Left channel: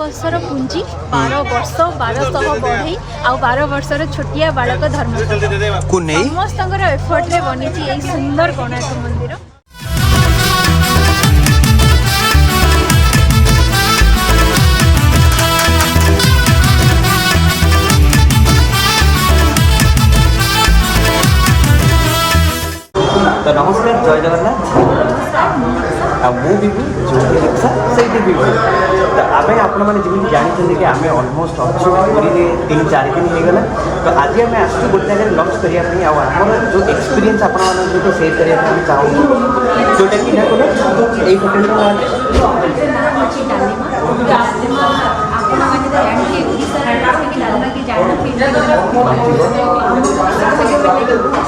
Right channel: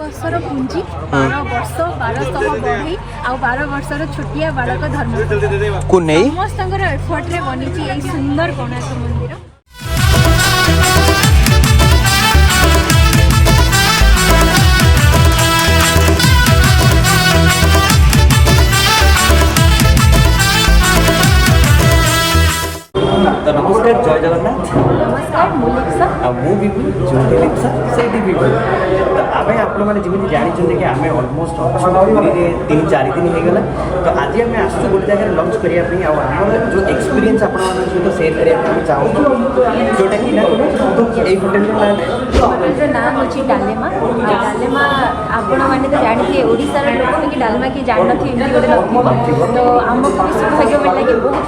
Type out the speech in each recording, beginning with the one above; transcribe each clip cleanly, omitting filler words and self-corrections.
वर्षर पुंजी 12 वर्ष 1200 बढ़ई आ 12 वर्षर छोटिया बालक धर्म को नहीं समस्त एफर्ट रे बनी सुंदर कोणार्क मंदिर। तो नमस्कार जय जगन्नाथ आम आप जानते कि आम अलमोस्ट अच्छे पुरी 3-4 दिन होगा तो आज आम आस गोटे जगह लंच करने आमर जो एक्सपीरियंस आप सेयर करने चाहूँ जोटा कि यही होटेल डालेमा आपण मैंने तो जाते ओडिशा कि डालमा की जानते तो बहुत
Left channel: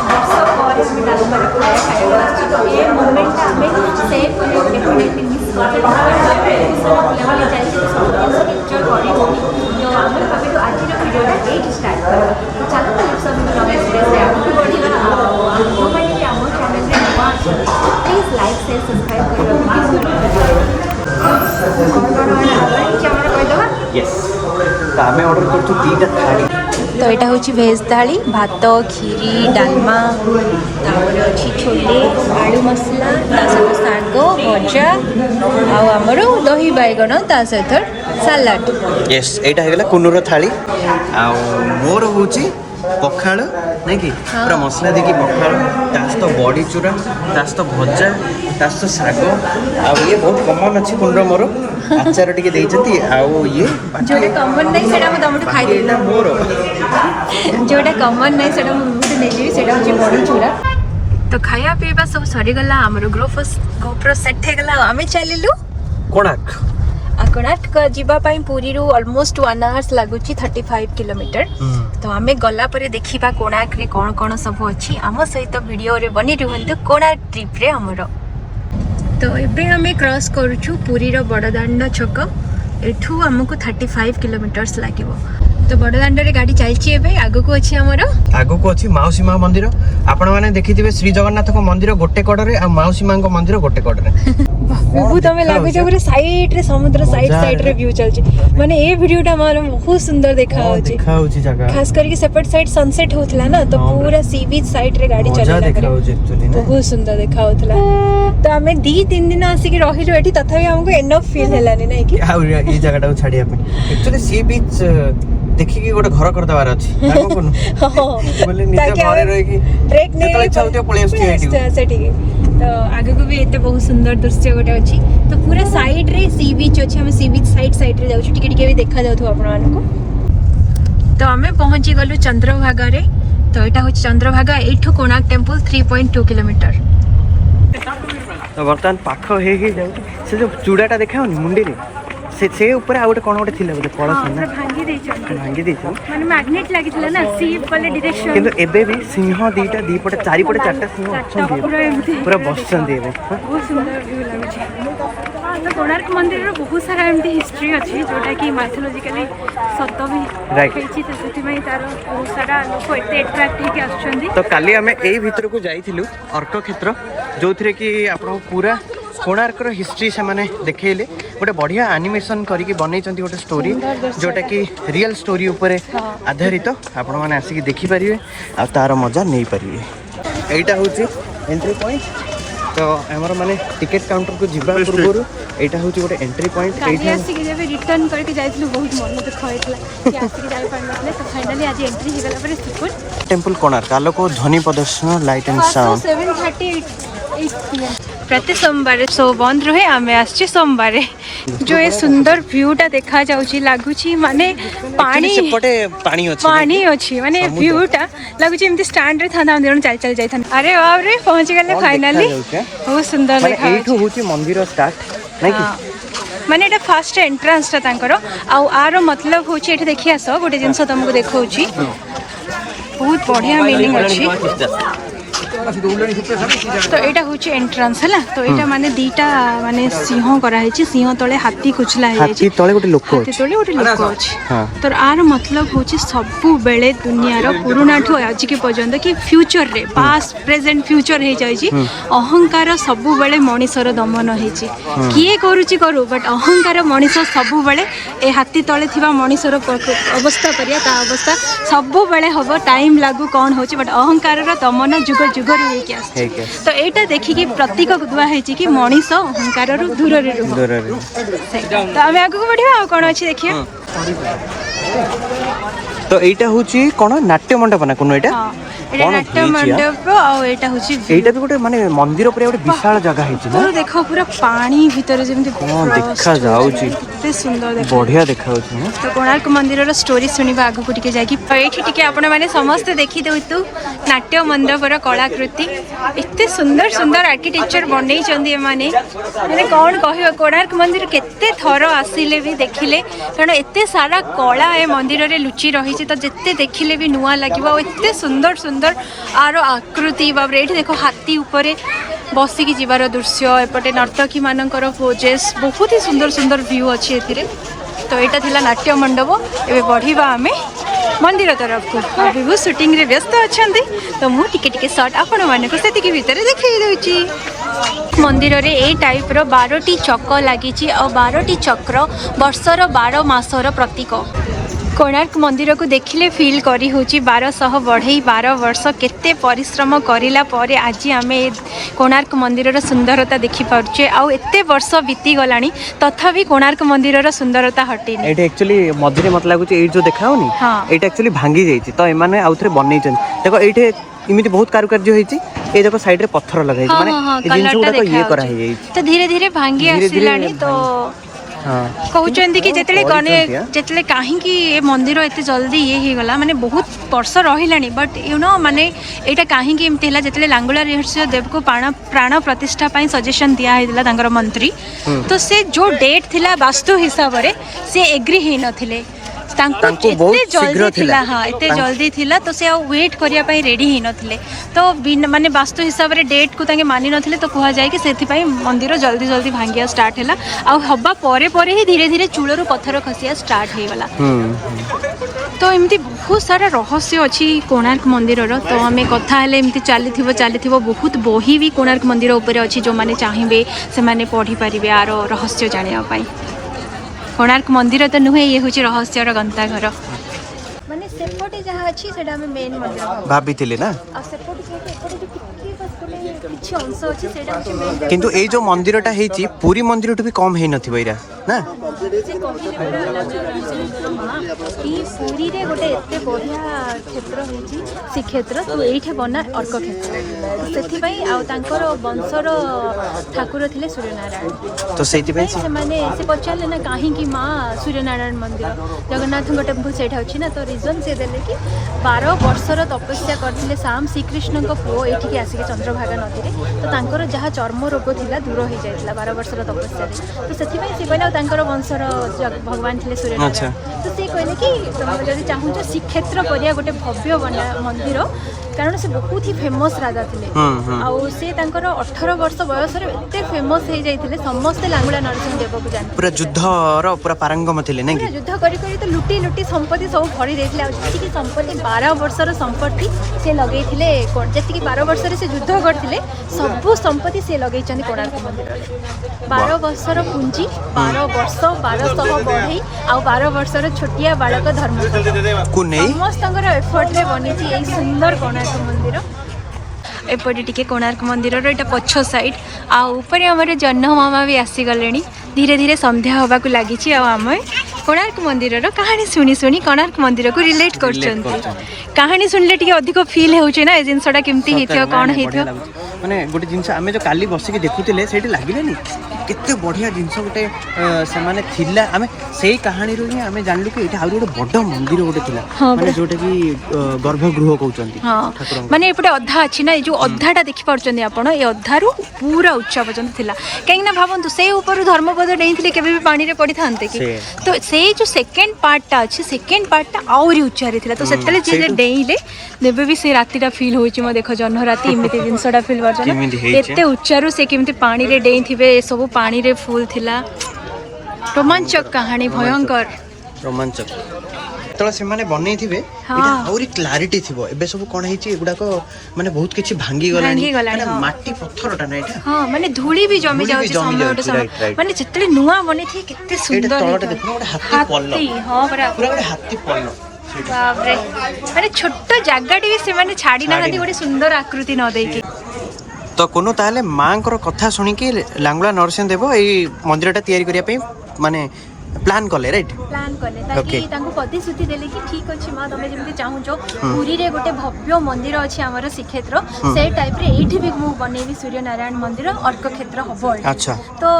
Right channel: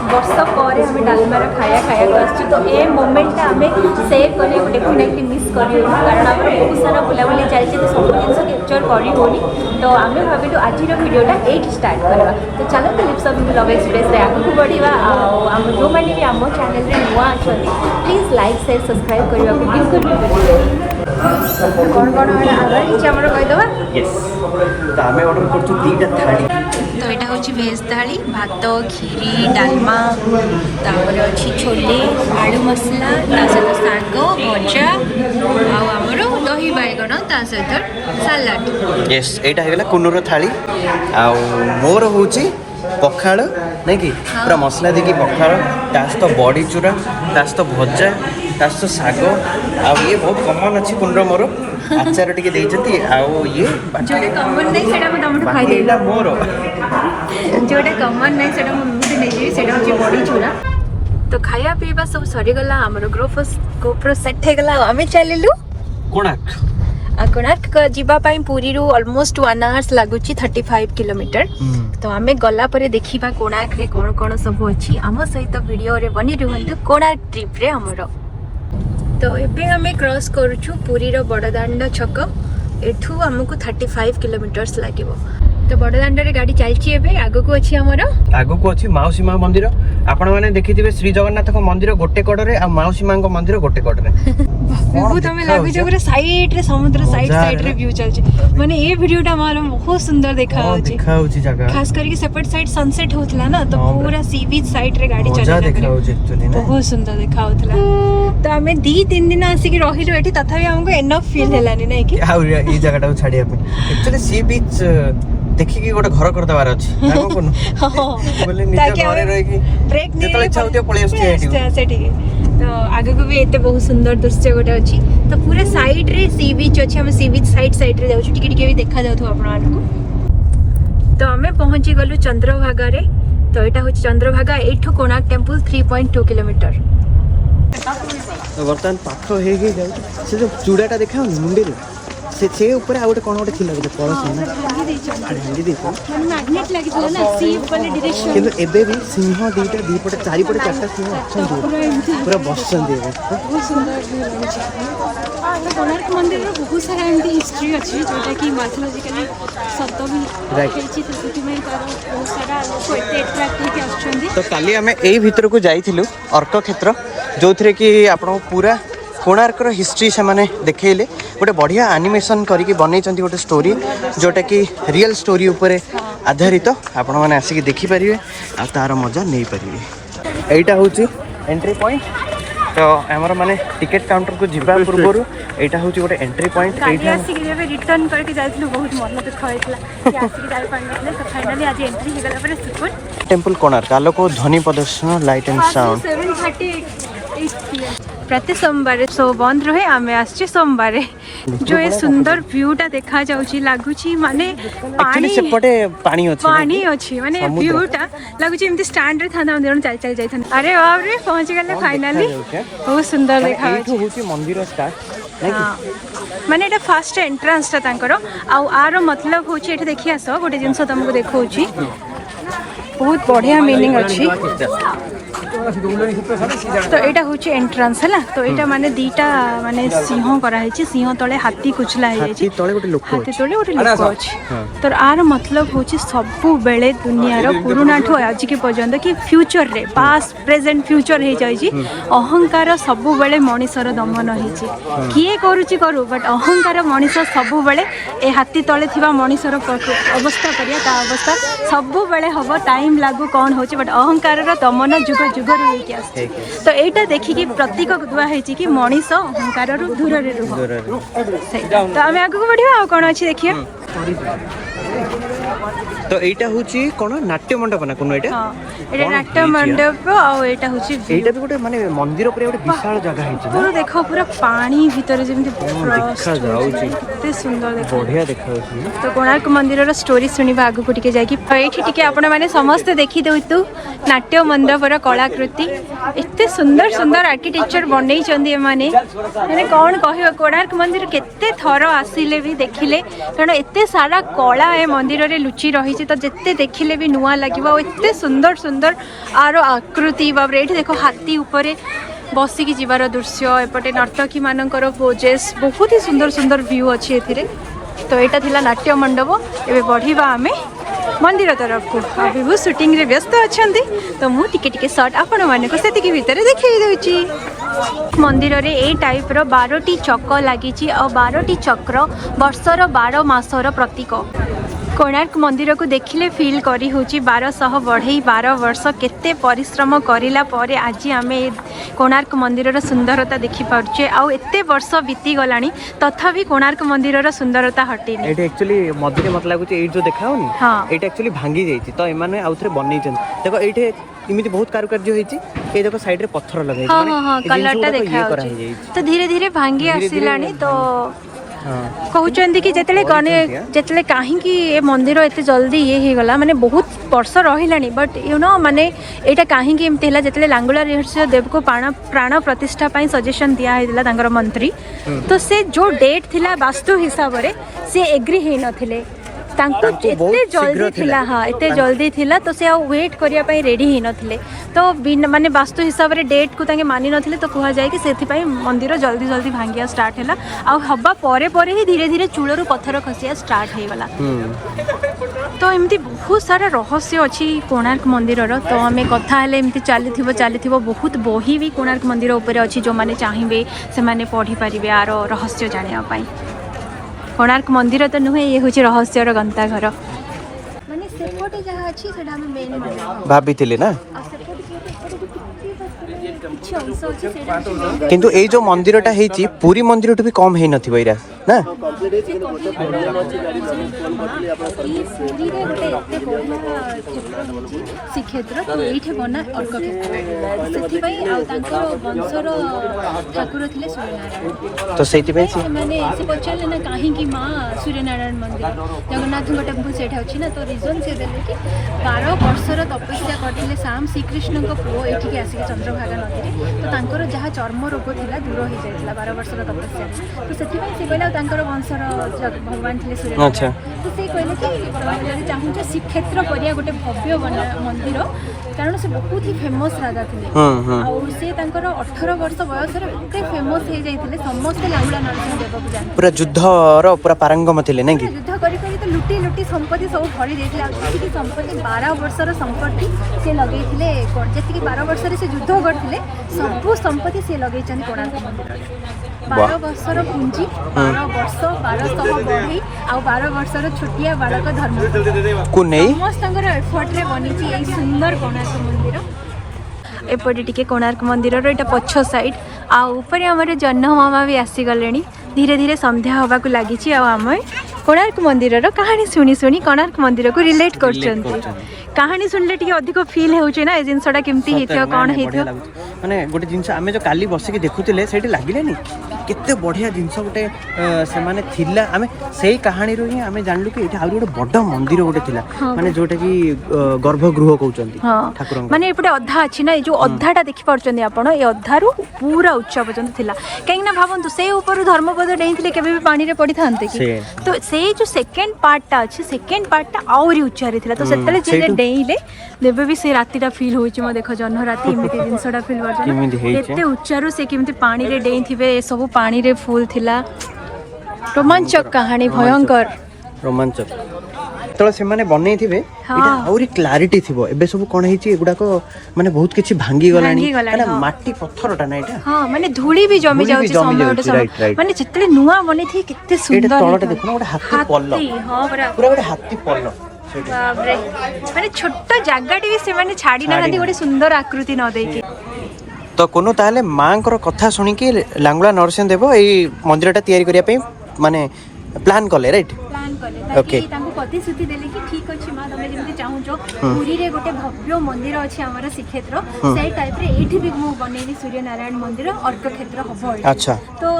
वर्ष पर डालमा खाया खाया तो ये मोमेंट आम सेव कर डेफिनेटली मिस कर कारण ओडिशा बुलाबुली चलती तो सब कैप्चर कर तो आम भाविलु आज भिडियोटा ये स्टार्ट करवा तो चलो लवेज स्पेस आगे बढ़ा जो मैंने भी आम चैनल नुआ प्लीज लाइक शेयर सब्सक्राइब करने बिल्कुल कौन कौन आमर कहीदेवा तो यहाँ हूँ भेज थाली भात खीरी डालमा अच्छी छोले आलू मसला सहित शाग भजा आमर दही बैगण ता सहित सालाड। यस एटा हेगले कुनुर थाली आ मोर होची पखाड़ नहीं कि पूरा मसला देखिए पखाड़ तास तो बड़ी चूरा तास तो भजा तास तो शाग आ ये बहुत कमन अच्छे कुंड मोर आचार टिके देइछंती आ ये जोटा कमन नहीं सेटा मैं तमट खाइ दे ना मोर जोटा कमन नहीं सेटा मैं देबी सेटा होची बड़ी चूरा। तो खाया पीबा सब सरी गला हमरो गोप्रो सेट हे गला हमें चलिलु कोणार्क कोणार्क जीवा पाई पुरी रु ऑलमोस्ट 1 आवर्स लागुची 35 किलोमीटर तो आमे गला परे देखिबा कोणार्क रे कोन कोन सब अछि आम सहित वीडियो रे बनी रहंतु कोणार्क ट्रिप रे हमरो। तो एबे हमें क्रॉस करूछु पुरी रो बड़दांड छक एठू हमको 35 किलोमीटर्स लागिवो तो बड़दांड रे गाड़ी चलछि एबे आगो को अछि हमरो आगो को अछि माउसी मां मंदिर आपण माने देखिथिबे श्री जगन्नाथ को मंदिर गोटे कोड रे आ माउसी मां को मंदिर गोटे कोड रे बहुत हमें लागो जे पूरा साइड रे समुद्र साइड रे व्यू चलछि माने ए वीडियोटा मार बहुत सुंदर देखाउछि जगह खास करके सेपट साइड सनसेट होतला ना तो पूरा सी बीच साइड रे गाड़ी चलेला बहुत सुंदर देखाउतला तो हमें 2-3 दिन आसी कि रहिलो एठी तथापि हमको एनफ फील हेलानी नै कि आ ये जगहटा छाडिया पे एक्चुअली सी बीच देखिकी गोटे घर कर दबार अछि बोले निजे घरे रहि कि ट्रेक नै चलते पळे सेठी तो आगे को भी एते बहुत सुंदर दृश्य गोटे अछि तो पूरा साइड रे सी बीच अछि हम सी बीच साइड रे जाउ टिके टिके भी देखा जाउ आपण मान को। तो हमें पहुंची गलो चंद्रभागा रे तो एटा होछि चंद्रभागा एठो कोणार्क टेंपल 3.2 किलोमीटर तो बर्तमान पाख हे से जो चूड़ाटा देखा मुंडी रे से ऊपर आ गोटे कोन गोटे थिला गोटे पळस ना भांगी दे माने मैग्नेट लागितला ना सी वाले डायरेक्शन किंतु एबे भी सिंह दीटा दी पटे चारि पटे चारटा पूरा बसचन दी बहुत सुंदर व्यू लागै छै। कोणार्क मंदिर रो बहुत सारा एमती हिस्ट्री अछि जोटा कि माइथोलॉजिकली सत्य भी रहिछि तो सेति में तार बहुत सारा कोइते एट्रैक्ट के आछछन्दी। तो काली हमें एही भीतर को जाइथिलु अर्क क्षेत्र जोथरे कि आपण पूरा कोणार्क रो हिस्ट्री से माने देखेले गोटे बढ़िया एनिमेशन करके बनैचंती गोटे स्टोरी जोटा कि रियल स्टोरी ऊपर आधारित आपण माने आसी के देखि परिबे आ तार मजा नै परिबे। एटा होची एंट्री पॉइंट तो हमर माने टिकट काउंटर को जिबा पूर्व एटा होची गोटे एंट्री पॉइंट एठी आसी के जेबे रिटर्न करके जाइथिलु बहुत मन तो खइतला आसी के जाई पानथले तो फाइनली आज एंट्री हे गला पर टेंपल कोणार्क आलोक ध्वनि प्रदर्शन लाइट एंड साउंड 7:38 प्रति सोमवार सो बंद रहे आमे आछि सोमवार जो ये सुंदर व्यूटा देखा जाउची लागुची माने पानी सेपटे पानी अछि माने व्यूटा लागुची एमती स्टैंड रे था देन चल जाय था। अरे बाप रे पहुंच गेले फाइनली बहुत सुंदर देखा माने एठो होची मंदिर स्टार्ट नै कि माने एटा फर्स्ट एंट्रेंस ता तांकर आ आरो मतलब होची एटा देखि आसो गोटे जिंस तुमको देखौची बहुत बढ़िया मीनिंग अछि तो एटा होची एंट्रेंस हला तो एटा माने दीटा माने सिंह करा हेची सिंह तळे हाथी कुछला हेची हाथी तळे गोटे लोक हाथी तळे गोटे लोक अछि तो आर मतलब होची सबु बेले दुनियार पुरुना ठो आज के पर्यंत कि फ्यूचर रे पास्ट प्रेजेंट फ्यूचर हे जाई अहंकार सबु बेले मनीषर दमन हेची किए करूची करू बट अहंकार मनीष सबु बेले ए हाथी तळे थिबा मनीषर अवस्था करिया ता अवस्था सबु बेले हबो टाइम लागू कोन होची बट अहंकार रे दमन जुग जुग रे के आछि तो एटा देखि कि प्रतीक गुदवा हेची कि मनीष अहंकार रो दूर रे तो हमें आगु बढ़िया आ कोन अछि देखियो तो एटा होची कोन नाट्य मंडप ना कोनो एटा एटा नाट्य मंडप और एटा होची एटा भी गोटे माने मंदिर ऊपर गोटे विशाल जगह हेची ना देखो पूरा पानी भीतर जेमति कोन देखा जाउची एते सुंदर देखो बढ़िया देखा होची तो कोणार्क मंदिर रो स्टोरी सुनिबा आगु पटिके जाय कि एठी टिके आपण माने समस्त देखि देउ नाट्य मंडप रो कलाकृति एते सुंदर सुंदर आर्किटेक्चर बनै चंदी माने माने कोन कहियो कोणार्क मंदिर केते थरो आसीले भी देखिले कारण एते सारा कला ए मंदिर रे लुचि रही छी तो जेते देखिले भी नुआ लागिबा एते सुंदर सुंदर आरो आकृति बाबरे एठी देखो हाथी ऊपर बसी की जीवार दृश्य एपटे नर्तकी मानकर पोजेस बहुत ही सुंदर सुंदर व्यू अच्छी एथिरे तो यहाँ थिला नाट्य मंडप एबे बढ़िबा आमे मंदिर तरफ को अभी वो शूटिंग रे व्यस्त अछंती तो मु टिके टिके शॉट आपण माने को सेति के भीतर देखि देउची मंदिर रे ए टाइप रो 12टी चक्र लागी छि और 12टी चक्र वर्षर 12 मासर प्रतीक कोणार्क मंदिर को देखिले फील करी होची 1200 बढ़ई 12 वर्ष केते परिश्रम करिला परे आज आमे कोणार्क मंदिर रो सुंदरता देखि पारछे आ एते वर्ष बीती गलानी तथापि कोणार्क मंदिर रो सुंदरता हटिनी एटा एक्चुअली मधुरे मत लागुची ए जो देखाओनी एटा एक्चुअली भांगी जाईची तो एमाने आउथरे बनै छन देखो एठे इमिति बहुत कारुकार्य होईची ए देखो साइड रे पत्थर लगाई माने जिंस गुडा ये करा ही जाई तो धीरे धीरे भांगी आसिलानी तो कहउचंदी कि जेतले कने जेतले काहे कि ए मंदिर एते जल्दी ये हे गला माने बहुत वर्ष रहिलानी बट यू नो माने एटा काहे कि एमतेला जेतले लांगुला रहस्य देव को प्राण प्रतिष्ठा पई सजेशन दिया हेला तांगर मंत्री तो से जो डेट थिला वास्तु हिसाब रे से एग्री हे नथिले एते जल्दी थिला हाँ एते जल्दी थिला तो से वेट करिया पई रेडी हे नथिले तो माने वास्तु हिसाब रे डेट को तांगे मानि नथिले तो कहा जाय कि सेथि पई मंदिर जल्दी जल्दी भांगिया स्टार्ट हैला आ हबा परे परे ही धीरे धीरे चूलरू पत्थर खसिया स्टार्ट हे गला तो एमती बहुत सारा रहस्य अच्छी कोणार्क मंदिर तो आम कथा हेले एमती चली बहुत बही भी कोणार्क मंदिर ऊपर अच्छी जो मैंने चाहिए से मैंने पढ़ी पारे आर रहस्य जानापी कोणार्क मंदिर तो नुहे ये हूँ रहस्यर गंताघर माने सेपटे जहाँ अच्छी सेटा हमें मेन मंदिर भाभी ना किंतु ए जो मंदिरटा हेची पूरी मंदिरटा भी कम हे नथि बइरा ना श्रीक्षेत्र ये बना अर्क क्षेत्र से तांकर वंशर ठाकुर थे सूर्यनारायण तो से पचारे ना कहीं माँ सूर्यनारायण मंदिर जगन्नाथ टेम्पल से अच्छी ना तो रिजन से देले कि 12 वर्षर तपस्या करते साम श्रीकृष्ण को पुओ ये आसिक चंद्रभागा नदी तो जहाँ चर्म रोग था दूर हो जाता 12 वर्षर तपस्या तो से कहले वंशर भगवान थे सूर्यनारायण तो से कहले कि तुम जब चाहूँ श्रीक्षेत्र करिया गोटे भव्य मंदिर कारण से बहुत ही फेमस राजा थे से 18 वर्ष बयस एत फेमस हो जाते समस्ते लांगुला नरसिंह देव को जाते पूरा युद्धर पूरा पारंगम थे ना युद्ध करी तो लुटी लुटी संपत्ति सब फड़ी देते संपत्ति 12 वर्षर संपत्ति से लगे जी 12 वर्ष से युद्ध करते सबू संपत्ति से लगे कोणार्क मंदिर 12 वर्षर पुंजी 12 वर्ष 1200 बढ़ई आ 12 वर्षर छोटिया बालक धर्म समस्त एफर्ट रे बनी सुंदर कोणार्क मंदिर एपटे टिके कोणार्क मंदिर एटा पछ साइड आ ऊपर आमर जह्न मामा भी आसीगले धीरे धीरे संध्या होगा लगी आम कोणार्क मंदिर कहानी शुणी शुणी कोणार्क मंदिर को रिलेट कर कहानी शुणिले टिके अधिक फील होचे ना जिनसटा केमती हेथियो कोन हेथियो माने गोटे जिंस आमे जो काली बसिक देखुतिले सेठी लागिलानी केते बढ़िया जिनस गोटे से माने थिला आमे सेही कहानी रो आमे जानलु कि एठी आउरी गोटे बड्ड मंदिर गोटे थिला जोटे कि गर्भगृह कहउचंती हां माने एपटे अद्धा अछि ना जो अद्धाटा देखि परचंदी आपण ए अद्धारो पूरा उच्च पर्यंत थिला कहीं ना भाबंतु से ऊपर धर्मपद डेइथिले केबे भी पानी रे पड़ी थांते कि तो से जो सेकंड पार्टटा अच्छे सेकंड पार्टटा आउरी उच्चारे थिला तो सेतले जे डेइले नेबे भी से रातीटा फील होइछि म देखो जन्म राती एमिति जिंसटा फील करछन एते उच्चारो से केमिति पानी रे डेइ थिबे सब पानी रे फूल थिला रोमांचक कहानी भयंकर रोमांचक तो से माने बनै थिबे और क्लैरिटी थिबो एबे सब कोन हिची एगुडा को माने बहुत किछि भांगी गलानी माने माटी पत्थरटा ना एटा हां माने धूली भी जमी जाउछि समय माने चित्रे नुआ बनै थी केते सुंदर तळटा देखो ना हाथी पल्लो हां बरा पूरा हाथी पल्लो बाप रे माने छोट जागाटी भी से माने छाडी ना गोटे सुंदर आकृति न देकी तो कोनो ताले मांकर कथा सुनी के लांगुला नरसिंह देव एई मंदिरटा तयारी करिया पे माने प्लान कले राइट प्लान कले ताकि ताको प्रतिश्रुति देले कि ठीक अछि मां तमे जेमति चाहूचो पुरी रे गोटे भव्य मंदिर अछि हमर श्रीक्षेत्र से टाइप रे एठी भी मु बनेली सूर्य नारायण मंदिर अर्क क्षेत्र हबो अच्छा तो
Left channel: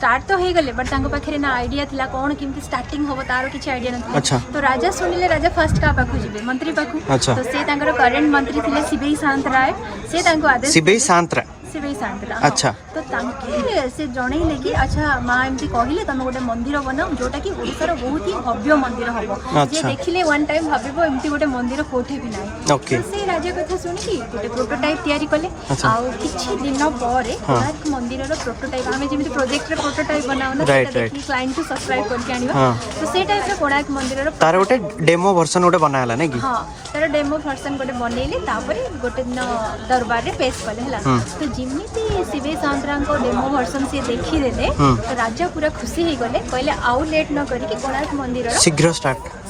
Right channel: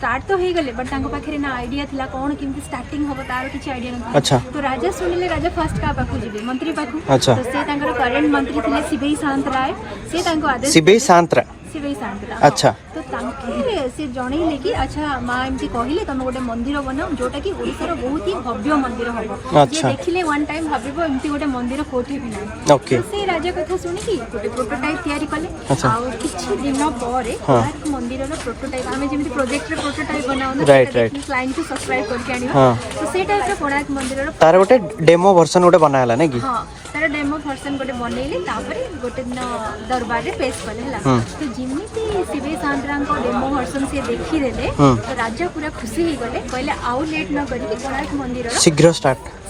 स्टार्ट तो हे गले बट ताको पाखरे ना आईडिया थिला कोन किमति स्टार्टिंग होबो तार किछ आईडिया नथि अच्छा तो राजा सुनिले राजा फर्स्ट का पाखु जिबे मंत्री पाखु अच्छा तो से तांकर करंट मंत्री थिले सिबेई शांतराय से तांको आदेश सिबेई शांतरा सिबेई शांतरा अच्छा तो ताके से जणैले कि अच्छा मां एमती कहिले तमे गोटे मंदिर बनाओ जोटा कि ओडिसा रो बहुत ही भव्य मंदिर हबो जे देखिले वन टाइम भाबिबो एमती गोटे मंदिर कोठे भी नाही ओके से राजा कथा सुनी कि गोटे प्रोटोटाइप तयारी कले आ किछि दिन परे एक मंदिर रो प्रोटोटाइप हमें जेमति प्रोजेक्ट रे प्रोटोटाइप बनाओ ना राइट राइट क्लाइंट को सब्सक्राइब करके आनियो से टाइप रे कोणाक मंदिर रो तार गोटे डेमो वर्जन गोटे बनाला ना कि हां तार डेमो वर्जन गोटे बनैले तापर गोटे दिन दरबार रे पेश कले हला तो जिमिति सिबी सातरां को डेमो वर्जन से देखि देले तो राजा पूरा खुशी ही गले कहले आउ लेट न करी कि कोणाक मंदिर रो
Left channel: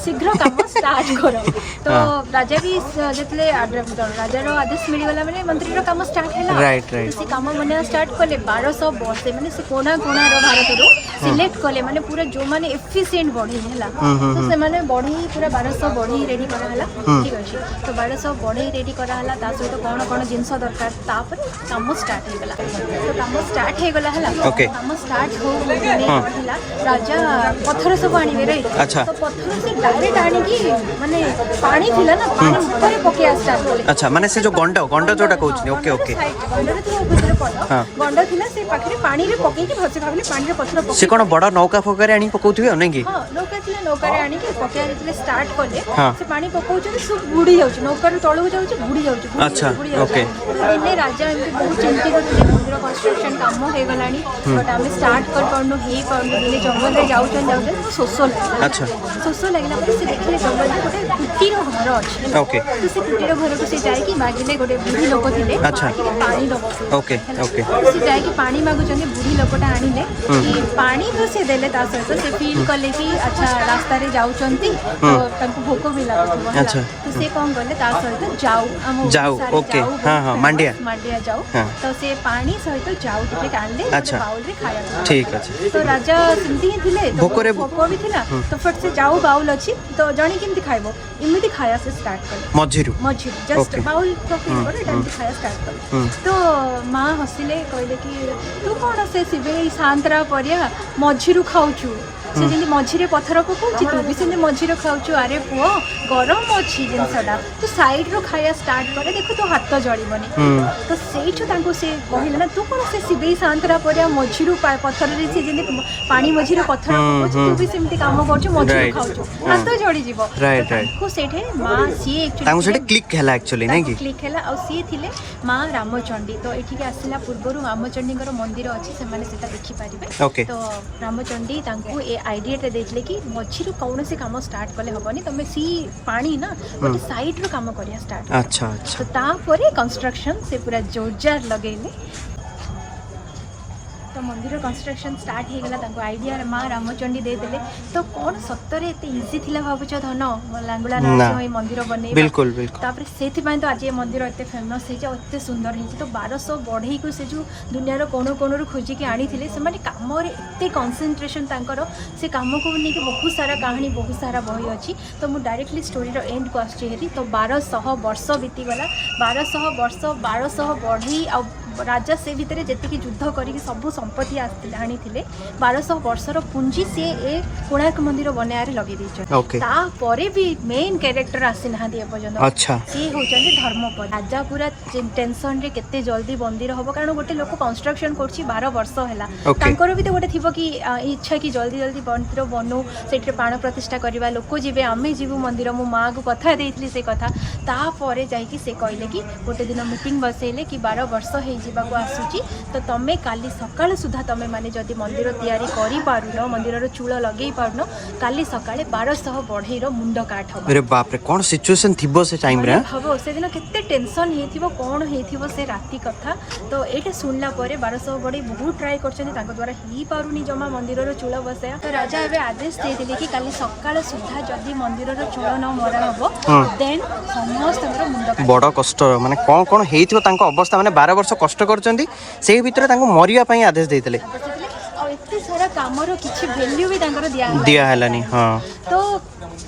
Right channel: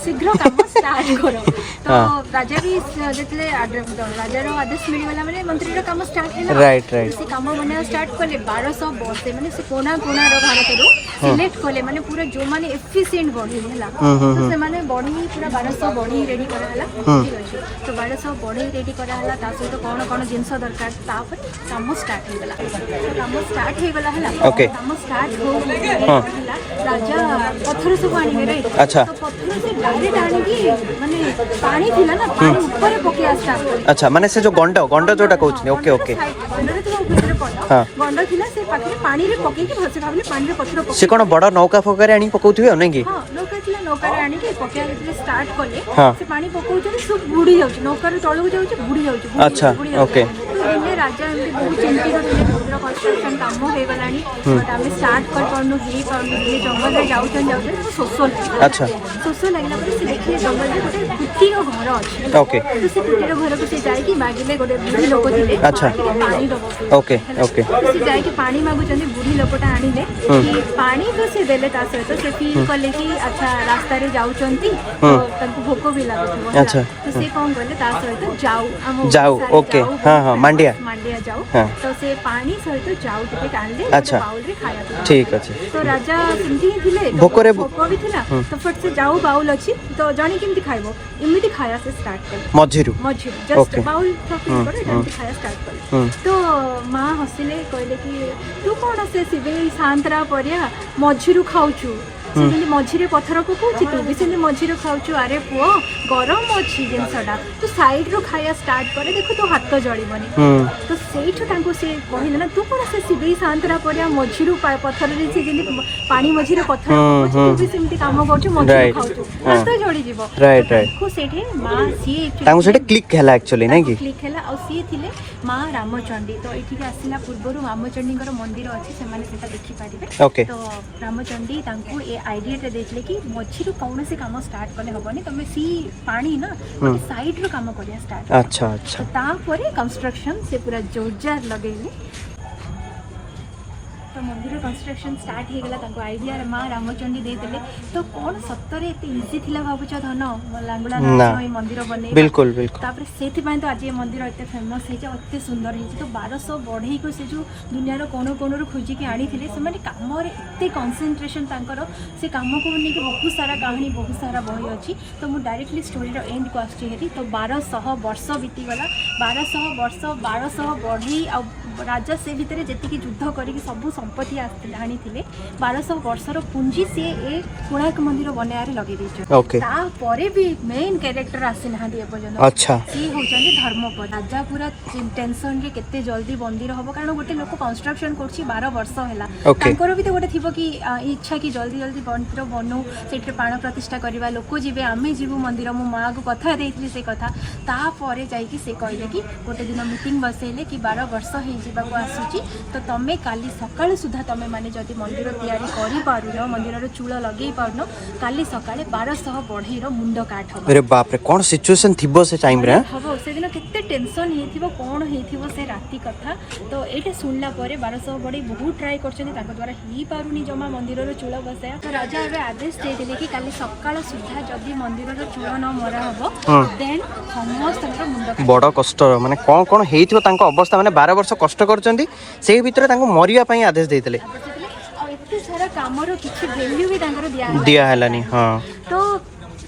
शीघ्र काम स्टार्ट करो तो राजा भी जेतले राजा रो आदेश मिली गला माने मंत्री रो काम स्टार्ट हैला राइट राइट से काम बना स्टार्ट कले 1200 वर्ष माने से कोना कोना रो भारत रो सिलेक्ट कले माने पूरा जो माने एफिशिएंट बॉडी हैला तो से माने बॉडी पूरा 1200 बॉडी रेडी करा हला ठीक अछि तो 1200 बॉडी रेडी करा हला ता सहित कोन कोन जिंस दरकार तापर काम स्टार्ट हे गला स्टार्ट हे गला हला काम स्टार्ट हो गला राजा पत्थर सब आनी रे अच्छा तो पत्थर से डायरेक्ट आनी की माने पानी थिला ना पानी से पर पके स्टार्ट कले अच्छा माने से जो गंडा जोटा कहउछ ओके ओके हां गंडा थिला से पाखरे पानी रे पके की भसे भाबले पानी रे पत्थर से कोन बड़ा नौका फोकारे आनी पकौथियो नै कि हां नौका थिला नौका रे आनी के पके जेतले स्टार्ट कले से पानी पकौछ सब बुडी जाउछ नौका रे तळु जाउछ बुडी जाउछ अच्छा ओके तो दिने राजा कंस्ट्रक्शन काम हो गलानी बट आबे स्टार्ट करनो ही दिने जंगल रे जाउछ सोसल अच्छा सोसल लागला से देखले जंगल रे गोटे कुटीर घर अछि ओके तो से कुटीर घर को से जाय कि मागिले गोटे लोक दिले अच्छा पानी दबो ओके ओके से जाय कि पानी मागु जने बुढ़ी लोकटा आनिले पानी तो से देले ता सहित से फील कले कि अच्छा रास्ता रे जाउचंती तो तनको भोक भी लागत अच्छा तो से कोन गले ता सहित जाऊ ओके हां हां मांडिया जाऊ तो से पानी सहित जाऊ टिके कांडे अच्छा बाउल रे खाया ठीक अछि तो राजा सिंधी थिले भोकरे भोकरी थिला तो फट से जाऊ बाउल अछि तो जणी केमति खाइबो इमिति खाया से स्टार्ट कर मझेरु जस्ट बाउल खाया स्टार्ट कर तो मां हसिले कहले कि तू कोन से सिबे शांतरा परिया मझिरु खाउछु से मझिरे पत्थर पकाउछि तो बिसेने मझिरु खाउछु अरे पुओ गरम अछि जिंसटा तू साइड रो खाया स्टार्ट करे देखो तो हाथ जळीबनी तो सेठु तांको से कहिला ना तू कोन से सिबे शांतरा परिया मझिरु पत्थर रे से जेने पानी मझिरे पत्थर पकाउछि तू भी सेमति काम करछु मझिरु खाउछु हाथ जळी जीवो राइट राइट को सेठे मां सी एक्चुअली तांको सेठे क्लिक हैला एक्चुअली नै कि क्लिक हैला और सी थिले मां रामचंडी तो एठी के आसिला पूर्वरु रामचंडी कर मंदिर अछि से माने सेटा देखि पारिबे ओके तो रामचंडी तांको ए आईडिया ते देथले कि मछिरु कौन से काम स्टार्ट कले हबनी तमे सी पानी ना गोटे साइड रो काम करिया स्टार्ट अच्छा अच्छा तो तापरे कंस्ट्रक्शन से पूरा जोरदार लगेले तो मंदिर कंस्ट्रक्शन स्टार्ट हे गला तांको आईडिया मां रामचंडी दे देले तो कोन सत्तरे एते इजी थिला भाबुछ धन लांगुला नाच ए मंदिर बने बिल्कुल बिल्कुल तापर सेति पय तो आज ए मंदिर एते फेमस हे जे एते सुंदर हे तो 1200 बढ़ई को से जो दुनिया रो कोन रो खोजी के आनी थिले से माने काम रे एते कंसंट्रेशन तांकर से काम को बने कि बहुत सारा कहानी बहुत सारा बही अछि तो मु डायरेक्टली स्टोरी रो एंड को आछि हेरी तो 1200 वर्ष बीती गला 1200 वर्ष 1200 बढ़ई आ राजा से भीतर जेति कि युद्ध करी सब दंपति आनी 1200 वर्षर पुंजी सी ए कोणार्क मंदिर बनाया लगे ओके तापर भी मेन कैरेक्टर आसी ना एपर्तन अच्छा सी होचंदी धर्मपद राजा पूरा टेंशन रे केते जल्दी मंदिर हम कारण गोटे लोक कंस्ट्रक्शन करछि 12 वर्ष हैला तांकर भी तो गोटे थिबो कि इच्छा कि जल्दी जल्दी मंदिर बनू सेठरे प्राण प्रतिष्ठा करवा लोक जीवे आमे जीवु मंदिर मो माँ को कथा देइथली से कथा तापर जाइकी से कहले कि गोटे दिन मीटिंग बसेले कि 12 वर्ष हो जावाक आसूची तो तमें काली सकाल सुधा तमें माने जदि मंदिर तैयारी करि पारुन मंदिर चूल लगे पारुन काली सकाळे 1200 बढ़ईर मुंड काट हो। अरे बाप रे कोन सिचुएशन थिबो से टाइम रे हबो से दिन केते टेंशन हेथिबो कोन हेथिबो से राती कथा तो एटे सुनला परे 1200 बढ़ई बहुत ट्राई करछन ताको द्वारा ही पारुनी जमा मंदिर चूल बसे तो राजा एबे आदेश देथिले कि काली सकाळ सुधा जदि मंदिर चूल न मरा हबो देन समस्त मुंड बड़ कष्ट माने कोन कोन हेथिबो तांको अवस्था माने 12 वर्ष कष्ट करछंदी से भीतर तांको मरिया पई आदेश देथिले आ इत्ते सारा कामर किछि वैल्यू भी तांकर दिया हलानी हां तो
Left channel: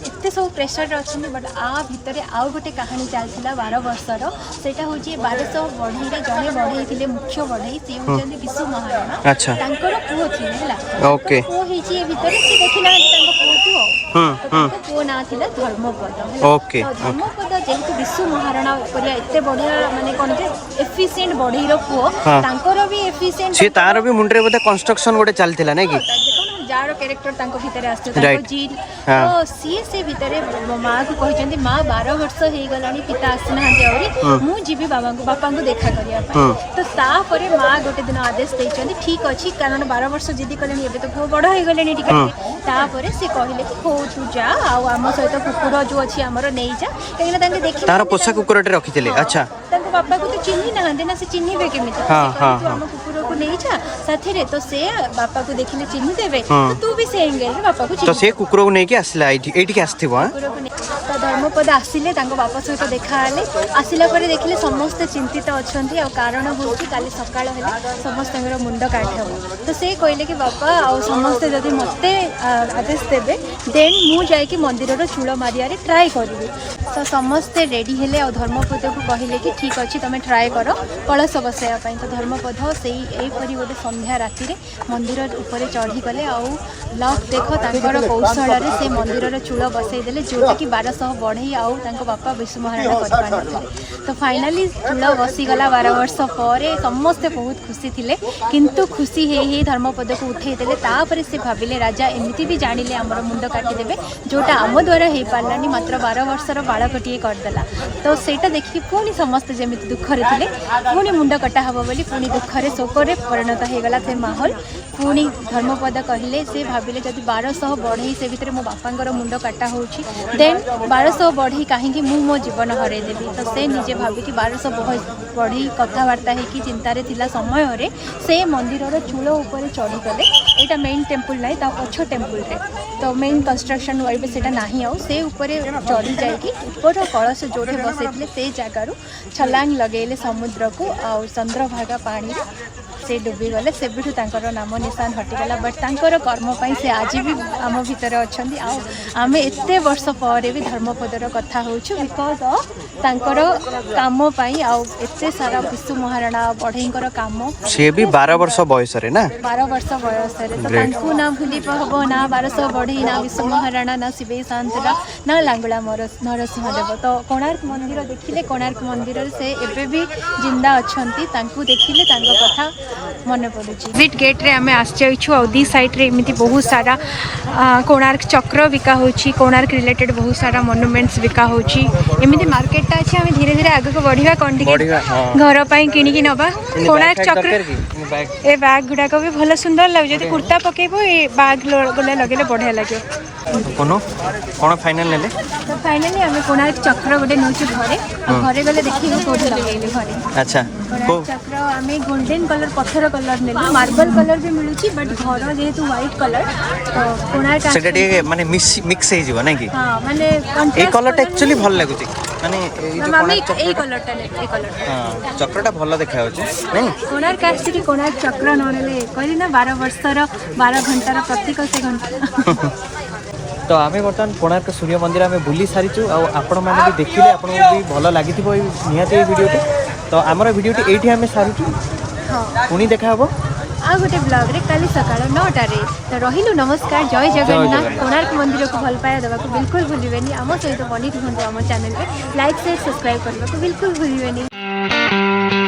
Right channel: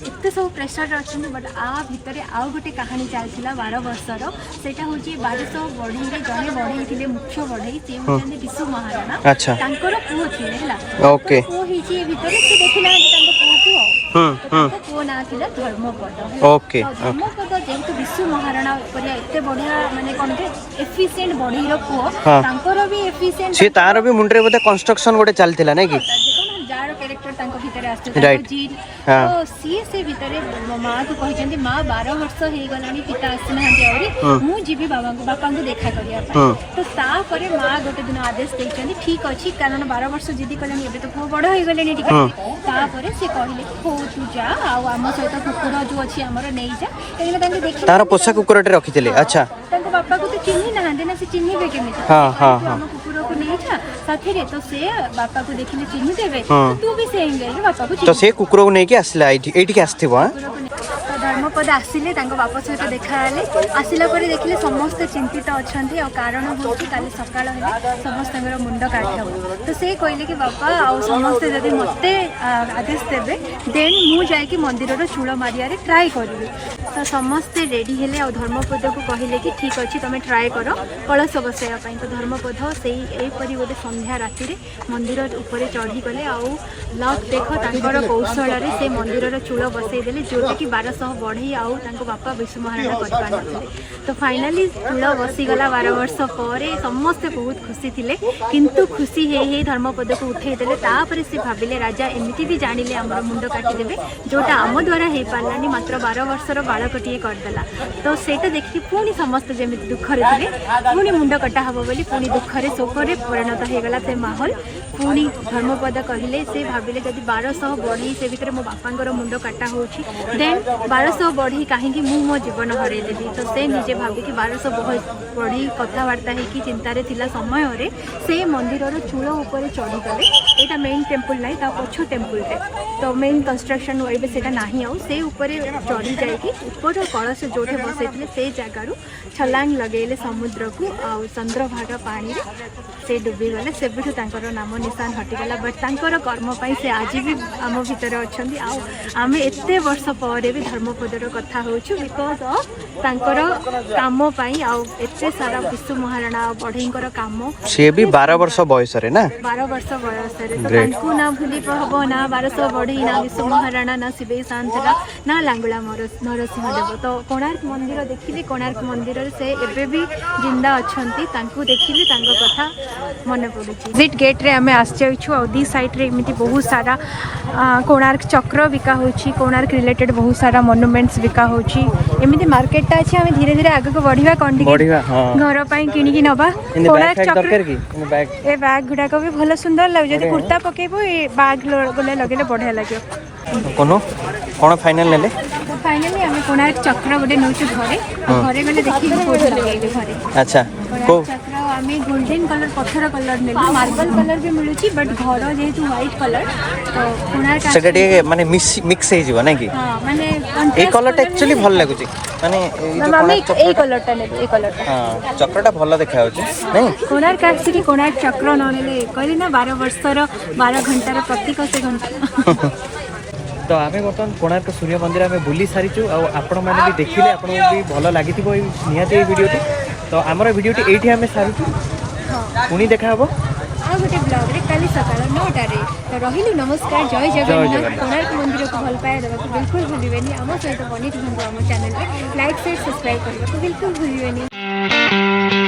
एते सब प्रेशर अच्छे बट आ भितर आउ गोटे कहानी चलता 12 वर्षर सेटा हूँ 1200 बढ़ई जड़े बढ़ई थे मुख्य बढ़ई सी हूँ विश्व महाराणा अच्छा तांकर पुओ थिले ओके पुओ हेची भितर से देखिला पुओ पुओ ना थिला धर्मपद ओके जेहेतु विश्व महाराणा उपरिया एते बढ़िया माने करते एफिशिएंट बढ़ईर पुओ तांकर भी एफिशिएंट सी तार भी मुंडरे मते कंस्ट्रक्शन गोटे चलतिला नै कि जार कैरेक्टर तांको भितर आस्ते तांको जील तो सी से भितर माँ को कहते माँ 12 वर्ष हो गलानी पिता आसना आउरी मु जीवी बाबा को देखा करिया तो तापर माँ गोटे दिन आदेश देइछन ठीक अछि कारण 12 वर्ष जिदी कलानी एबे तो पुओ बड़ हो गलेनी ठीक तापर से कहले कि हो तू जा आ हम सहित कुकुर जो अछि हमर नै जा कहिला तांके देखि तार पोषा कुकुरटे रखिथिले अच्छा तांको बापा को तो चिन्ही ना देना से चिन्हीबे के हां हां हम कुकुर को नै जा साथी रे तो से बापा को देखिले चिन्ही देबे तू भी से इंगल बापा को तो से कुकुर को नै के आसला एठी के आस्थिबो धर्मपद आसिले बापा सहित देखा हेले आसला पर देखिले समस्त चिंतित अछंती आ कारण हूँ काली सकाळ हेले समस्त मुंड काटी हो तो से कहले कि बापा आ समस्त जदि मते आदेश देबे देन मु जाय कि मंदिर चूल मारिया रे ट्राई करबी तो समस्त रेडी हेले और धर्मपद को कहले कि ठीक अछि तमे ट्राई करो कलश बसैया पई तो धर्मपद सेही ए परि गोटे संध्या राति रे मंदिर ऊपर चढ़ी गले आ लक देखो तांकर कौशल रे से मंदिर चूल बसै देले जोटा कि 1200 बढ़ई आउ बापा विश्व महाराणा कर तो फाइनाली चूल बसीगला 12 वर्ष पर समस्ते बहुत खुशी थे किंतु खुशी हे धर्मपद को उठे देले तापर से भाविले राजा एमती भी जानिले आम मुंड काटिदेवे जोटा आम द्वारा हो पारानी मात्र 12 वर्षर बालकटी करदेला तो सेटा देखिए पुणी समस्ते जमी दुखरे थे पुणी मुंड कटा हम बोली पुणी दुखरे शोकरे परिणत होगला से माहौल पुणी धर्मपद कहले से भाविले जदि 1200 बढ़ई से भितर मो बापांकर मुंड काटा होउछि देन 1200 बढ़ी कहीं मो जीवन हर देवी तो से निजे भावी 1200 बढ़ी कथबार्ता होगी चिंतार थिला समय रे से मंदिर चूल उपर चढ़ीगले यहाँ मेन टेम्पल ना ता पछ टेम्पल रे तो मेन कंस्ट्रक्शन वाले से नहीं आउ से चढ़ी जाकि ऊपर कलश जोड़े बसई से जगार छलांग लगे समुद्र को आ चंद्रभागा पानी से डुबीगले से नाम निशान हटिगला बट तांकर कर्म पाई से आज भी आम भितर अच्छा आम एत वर्ष पर भी धर्मपदर कथा होछु बिकज तांकर काम पाई आ एते सारा विश्व महाराणा बढ़ईकर काम से भी 12 वर्ष बयस रे ना 12 वर्ष बयस रे तो तांको ना भूली पहबो ना 1200 बढ़ई ना विश्व महाराणा ना शिवे शांतरा ना लांगुला नरसिंह देव तो कोणार्क मंदिर देखिले कोणार्क मंदिर से एबे भी जिंदा अछंती तांको देखिले तांको कथा मन पड़ुची विट गेट रे हमें आश्चर्य और दी साइड रे एमिति बहुत सारा कोणार्क चक्र बिका होची कोणार्क रिलेटेड बहुत सारा मोनुमेंट्स बिका होची एमिति मार्केट टा अछि हमें धीरे धीरे आगे को बढ़िया कंडी घर पई किनी की नबा कोणार्क चक्र ए बैग गुडा को भी भले सुंदर लाग जदी कुर्ता पकेबो ए बैग लगने लगने बढ़िया लागे कोन फाइनल लेले तो फाइनली हमें कोणार्क चक्र गोटे नोचे घरे गले देखि कोठे ले घरे अच्छा चक्र हमें गोल्डन कलर पत्थर कलर में मार्बल कलर भी मिलुची बट घर जेहेतु व्हाइट कलर तो कोणार्क सेटा माने मिक्स हे जीवा नै कि हां माने ए कलर एक्चुअली भल लागुची माने हमें ए कलर टा नै ए कलर टा हां चक्रटा भल देखा होची नै कोणार्क आसी कोणार्क चक्र नरेले कहली ना 12 वर्षर 12 घंटार प्रतीक से घंटा तो आमे बर्तमान कोणार्क सूर्य मंदिर आमे बुली सारी आपण माने भी देखिले आपण भी भल लागिथिबो नियति वीडियो तो हमर वीडियो एठी हमें सारी पुणी देखा हबो ଆଉ ଗୋଟେ ବ୍ଲଗ୍ରେ କାଲି ସକାଳ 9ଟାରେ। ତ ରହିଲୁ, ନମସ୍କାର, ଜୟ ଜଗନ୍ନାଥ। କୋଣାର୍କ ମନ୍ଦିରକୁ ଭଲ ପାଇବା ଦେବାକୁ ବିଲକୁଲ ଭୁଲିବେନି। ଆମ ସହିତ ବନି ରୁହନ୍ତୁ ଆମ ଚ୍ୟାନେଲରେ। ଲାଇକ୍ ସେୟାର ସବସ୍କ୍ରାଇବ୍ କରିବାକୁ ବିଲକୁଲ ଭୁଲିବେନି।